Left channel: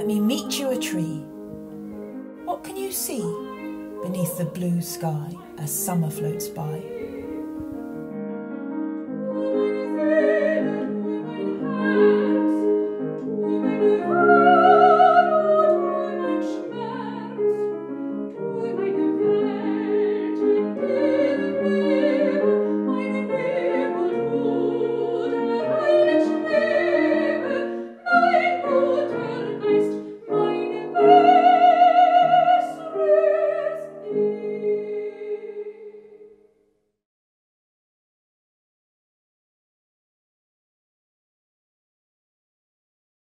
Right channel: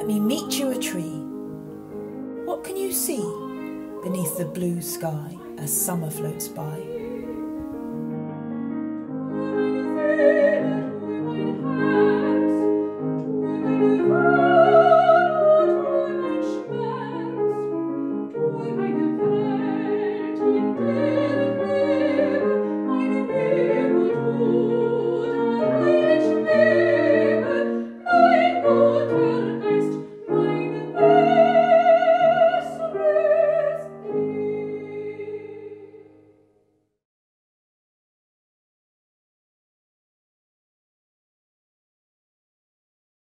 let me meet you a tree. What can you see beneath the blue sky as summer floats by?